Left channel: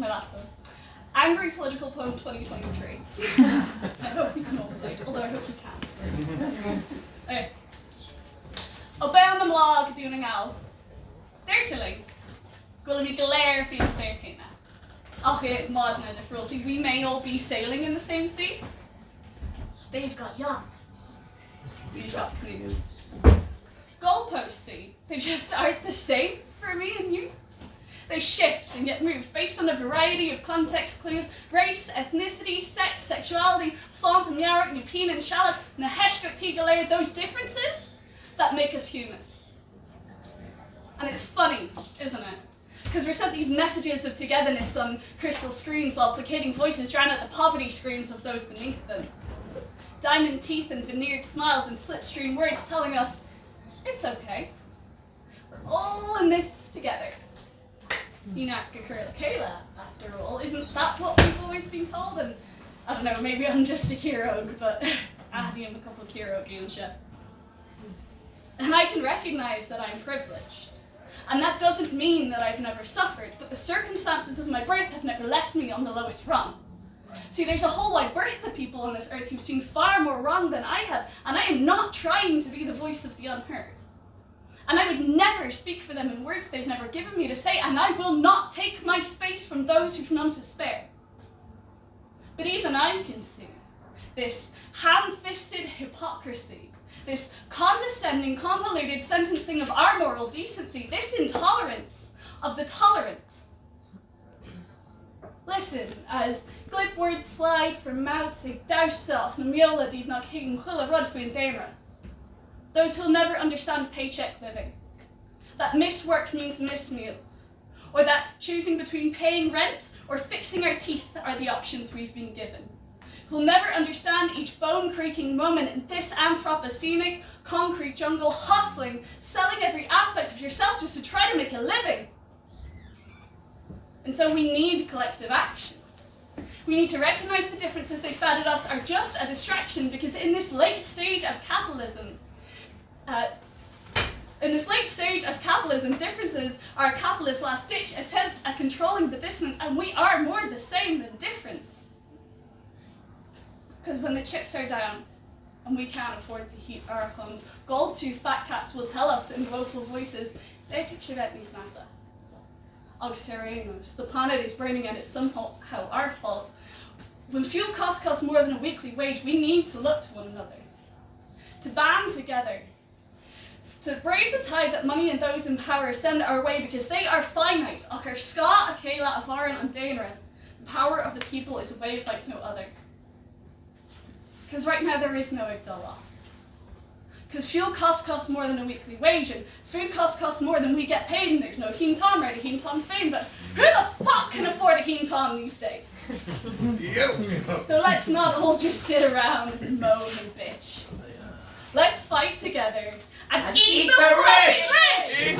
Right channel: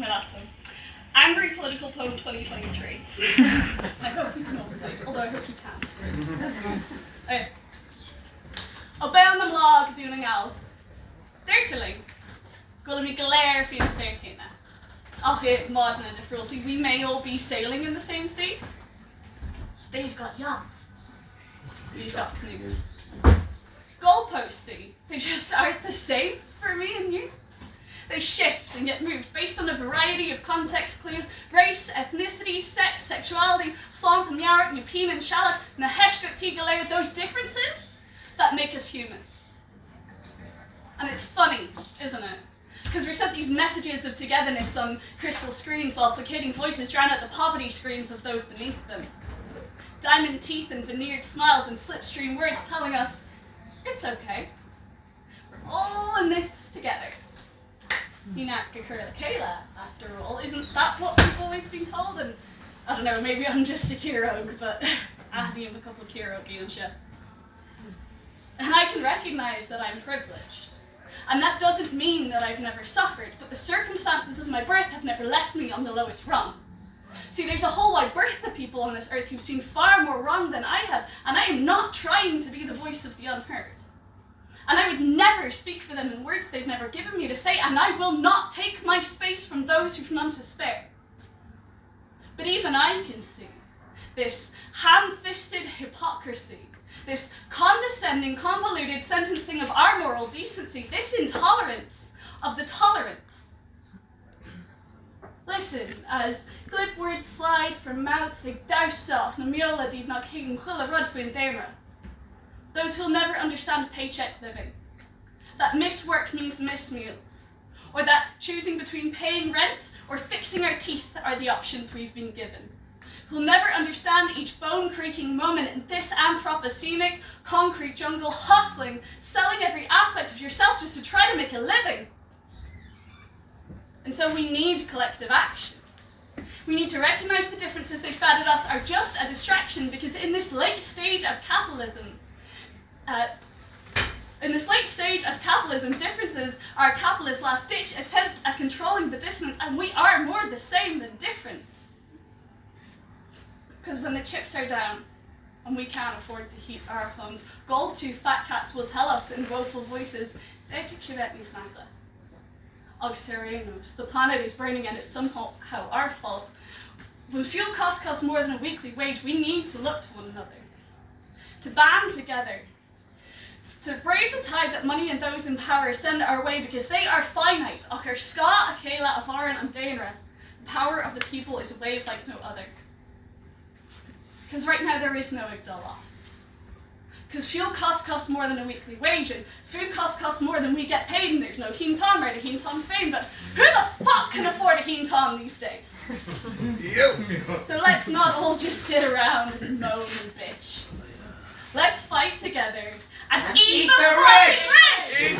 my last poem. Angry Political Poem 2023. I hope you can all relate, although I hope you can't. Okay. O be an am lá go dúna ngáil. D'irtilling, gola mi galéir fi as fér chéine. Ach modna de Frosty, we may all be sailing in the same sea. They've got yachts. We've got canoes. Goalposts, see, they just aren't the same for me and you. They shift and get moved based on a variety of context clues: race, ethnicity, sex, sexuality, slán and yarrock, nupin and shallot, na heshkut tigalair, those differences that make us human. And it's funny, isn't it? Because we're sent these messages of togetherness on crystal screens while placating voices drown out the poverty screams of those beneath them. Diamond teeth and veneered smiles and slipstream words telling us, it's okay. We're all in this together. Kayla, after all, isn't that what we've always been told? And I don't know, maybe I'm just a Kirog, but I am a couple of Kirog Gilsha. And I can recognize that I'm privileged. And that doesn't mean that I've never suffered, but the circumstances of my birth have never left me on the lowest rung. See, there's a whole wide berth of people on this earth who've seen far more wrong than I have, and I am not trying to be the voice of the unheard. And I would never speak for them in words they've never given me to say, and I will not take my space from those who've none to spare. But even I can see this ham-fisted hypocrisy, this condescending, convoluted sentencing of our moral decency, this intolerance of the tolerant. Listen, as glib words slide from mouths like douself na miola did not hign chwila rud fwyn dera. Those who'll never understand paycheck living, that miswork means missed meals, or that choosing between paying rent or fixing our teeth are the options we've been given. Who'll never understand each bone-creaking moment in this anthropocenic, concrete jungle, hustling, selling every aspect of yourself just to try to make a living. And so we need collective action. We need to recognize the differences they spat at us are just a distraction, because in this late stage of capitalism, differences are a capitalist's last-ditch attempt at controlling the dissonance, and we are more the same than different. Because when the chips are down, and we can't afford to heat our homes, gold-toothed fat cats will tell us in woeful voices, the planet is burning and it's somehow our fault. When fuel costs more than a weekly wage, we need to look to one another, to band together, to brave the tide that money and those in power send our way, because they are finite. Achar ska, Akela, Avaran, and Dainra. The power of the people is a wave like no other. Because right now there is no Igdal loss. Because fuel costs more than a weekly wage, and food costs more than we get paid, and there's no Heen Tom right, a Heen Tom fame, but who the fuck can afford a Heen Tom these days? So let's not all just sit around and moan and bitch. Let's fight together and eat the rich!